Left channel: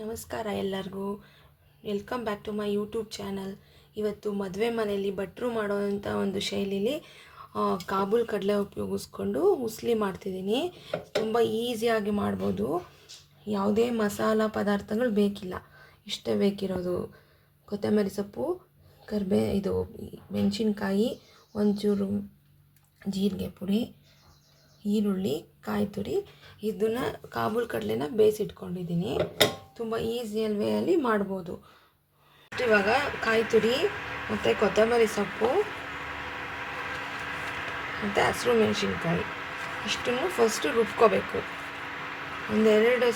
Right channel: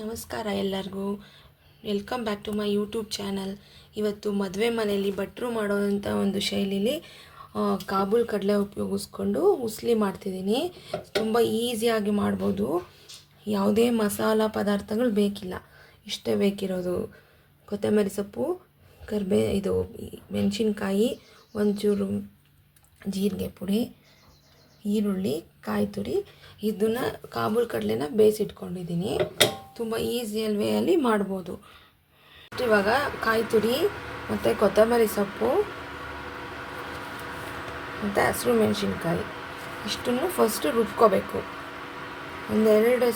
ನಮಸ್ಕಾರ ಎಲ್ಲರಿಗೂ. Welcome back to my YouTube channel. ಇವತ್ತು ಮದುವೆ ಮನೆಯಲ್ಲಿ ಭಟ್ರು ಮಾಡೋವಂಥ ಒಂದು ಶೈಲಿಲಿ ಕಾಬೂಲ್ ಕಡಲೆ ಉಪಯೋಗಿಸ್ಕೊಂಡು ಉಸ್ಲಿ ಮಾಡ್ತಿದ್ದೀನಿ. ತುಂಬ ಈಸಿಯಾಗಿ ಮಾಡ್ಬೋದು. ಯಾವುದೇ ಮಸಾಲ ಪದಾರ್ಥಗಳು ಬೇಕಿಲ್ಲ, ಇಷ್ಟೇ ಬೇಕಿರೋದು. ಕೊತ್ತಂಬರಿ ಸೊಪ್ಪು, ಇದು ಮೆಣಸಿನ್ಕಾಯಿ, ಒಂಚೂರು ಜೀರಿಗೆ ಪುಡಿ, ಈರುಳ್ಳಿ, ಕಾಯಿ ತುರಿ. ಇದನ್ನು ಕಾಬೂಲ್ ಕಡಲೆನ ಬೇಯಿಸಿಟ್ಕೊಂಡಿದ್ದೀನಿ. ತುಂಬ ಈಸಿಯಲ್ ವೇಯಲ್ಲಿ ಮಾಡ್ಬೋದು. ಇವಾಗ ಕಾಯಿ ತುರಿ ಮತ್ತು ಕೊತ್ತಂಬರಿ ಸೊಪ್ಪು ಮತ್ತು ಹಸಿರು ಮೆಣಸಿನ್ಕಾಯಿ ಇಷ್ಟನ್ನು ಫಸ್ಟು ರುಬ್ಕೋಬೇಕು. ಒಂದೆರಡು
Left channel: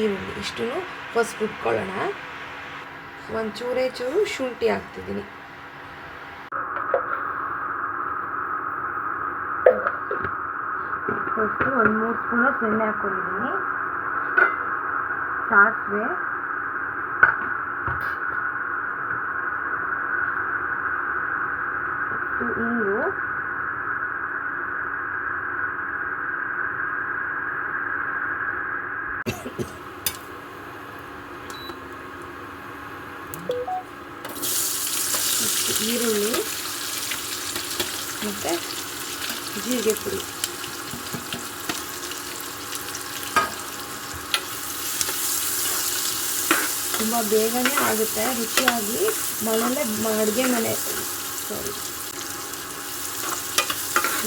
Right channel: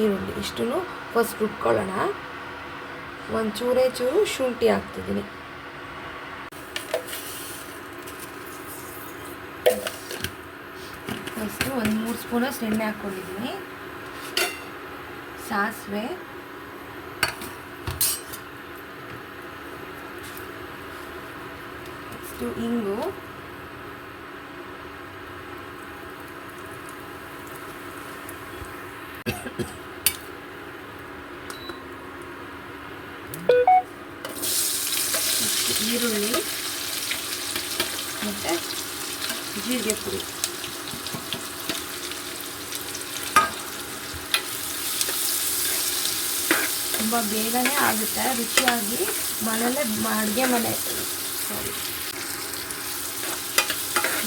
ಈರುಳ್ಳಿ ಇಷ್ಟನ್ನು ಫಸ್ಟ್ ರುಬ್ಕೊಳ್ಳೋಣ. ಒಂದು ಚೂರು ಶುಂಠಿ ಹಾಕ್ತಿದ್ದೀನಿ. ಫಸ್ಟು ಒಂದು 3 ಸ್ಪೂನಷ್ಟು ಎಣ್ಣೆ ಹಾಕ್ಕೊಂಡಿದ್ದೀನಿ. ಸಾಸಿವೆ, ನೆಕ್ಸ್ಟು ಇಂಗು, ಈರುಳ್ಳಿ ಮತ್ತು ಜೀರಿಗೆ ಪುಡಿ. ತುಂಬ ಬೇಗನೆ ಆಗುತ್ತೆ, ರುಚಿಯಾಗಿ. ಮನೇಲೆ ಅಡುಗೆ ಮನೆ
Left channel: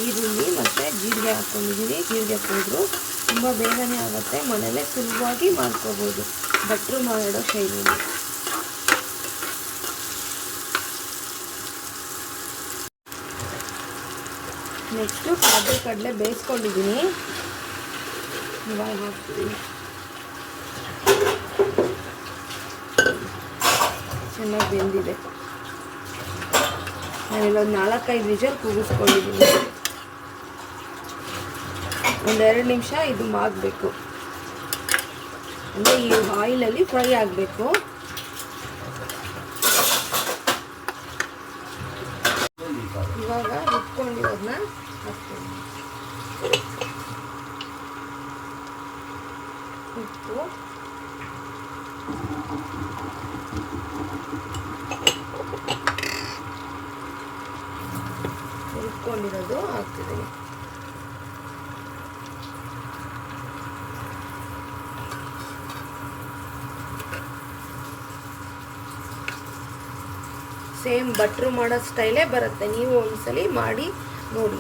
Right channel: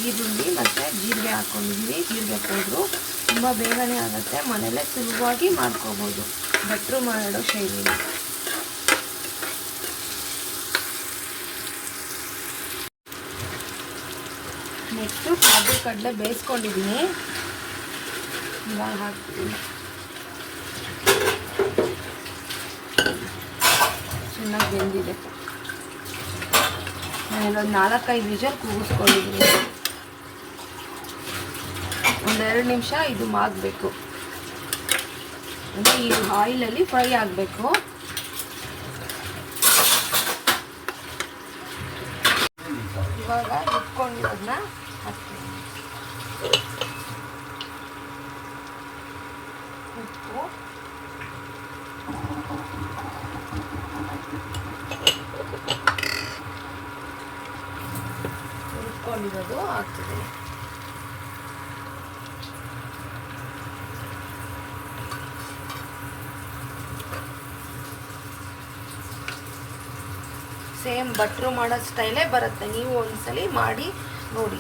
ಈರುಳ್ಳಿ ಮತ್ತು ಜೀರಿಗೆ ಹಾಕ್ಕೊಂಡಿದ್ದೀವಿ. ಜೀರಿಗೆ ಪೌಡ್ರು ತುಂಬ ಬೇಗನೆ ಆಗುತ್ತೆ, ಮನೇಲೆ ಸುಲಭವಾಗಿ ಮಾಡ್ಕೋಬೋದು ಭಟ್ರು ಮಾಡೋ ಶೈಲಿನ. ನೆಕ್ಸ್ಟು ಕಾಬೂಲ್ ಕಡಲೆ ಬೇಯಿಸ್ಕೊಂಡಿದ್ದೀನಿ, ಇವಾಗ ಹಾಕ್ತೀನಿ. ಚೆನ್ನಾಗಿ ಬೆಂದಿದೆ. ನಾನೊಂದು 4-5 ವಿಷಲ್ ಕೂಗಿಸ್ಕೊಂಡಿದ್ದೀನಿ. 1-2 ನಿಮಿಷ ಇದು ಮಾಗಬೇಕು, ಅಂದರೆ ಈ ಆಯಿಲಲ್ಲಿ ಫ್ರೈ ಆಗಬೇಕು. ಇವಾಗ ರುಬ್ಕೊಂಡಿರೋದನ್ನ ಹಾಕ್ತೀನಿ. ಉಪ್ಪು, ರುಬ್ಕೊಂಡಿರೋದು ಹಾಕ್ತಿದ್ದೀನಿ. ಸೇಮ್ ಭಟ್ರು ಮಾಡೋ ಸ್ಟೈಲೇ ಬರುತ್ತೆ, ನೀವು ಒಂದ್ಸಲಿ ಮಾಡಿ ನೋಡಿ.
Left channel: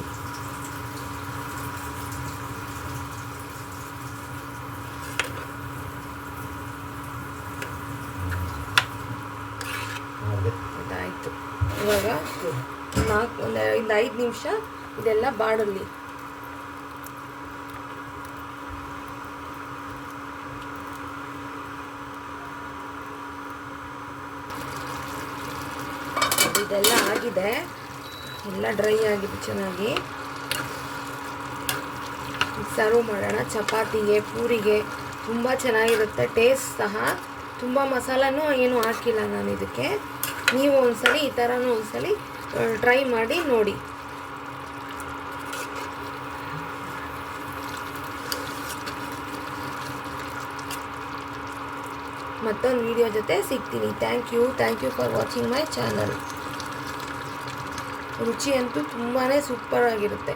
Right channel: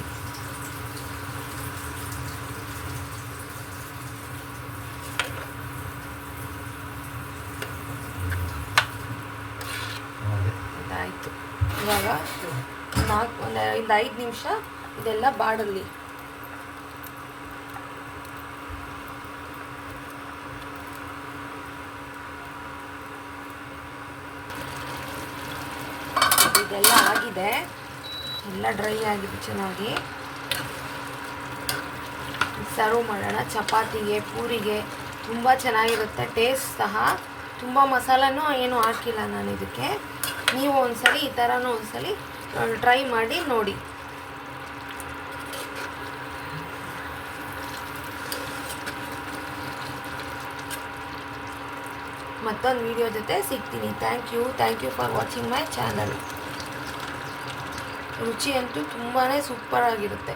ಇದಾಯಿತು. ಇವಾಗ ಒಂದು 5 ನಿಮಿಷ ಇದೆಲ್ಲ ಬಾಡಲಿ. ಇದೆಲ್ಲ ಆಗಿದೆ, ಎಲ್ಲ ಡ್ರೈ ಆಗಿದೆ ಚೆನ್ನಾಗಿ. ಸರ್ವ್ ಮಾಡೋಣ. ಚಪಾತಿಗೆ, ಪೂರಿಗೆ ತುಂಬ ಚೆನ್ನಾಗಿರುತ್ತೆ. ಟೇಸ್ಟ್ ಸಹ. ತುಂಬ ಮಸಾಲನೂ ಏನು ಹಾಕಿಲ್ಲ ನಾನು ಇದಕ್ಕೆ. ನೀವು ಒಂದ್ಸಲಿ ಈ ಥರನೂ ಒಂದ್ಸಲಿ ಟ್ರೈ ಮಾಡಿ ನೋಡಿ. ಮತ್ತೊಂದು ವಿಡಿಯೋ ಜೊತೆ ಸಿಗ್ತೀನಿ. Thank you for watching my channel. ರುಚಿ ಅಂತೂ ತುಂಬಾ ಸೂಪರ್ ಆಗಿರುತ್ತೆ.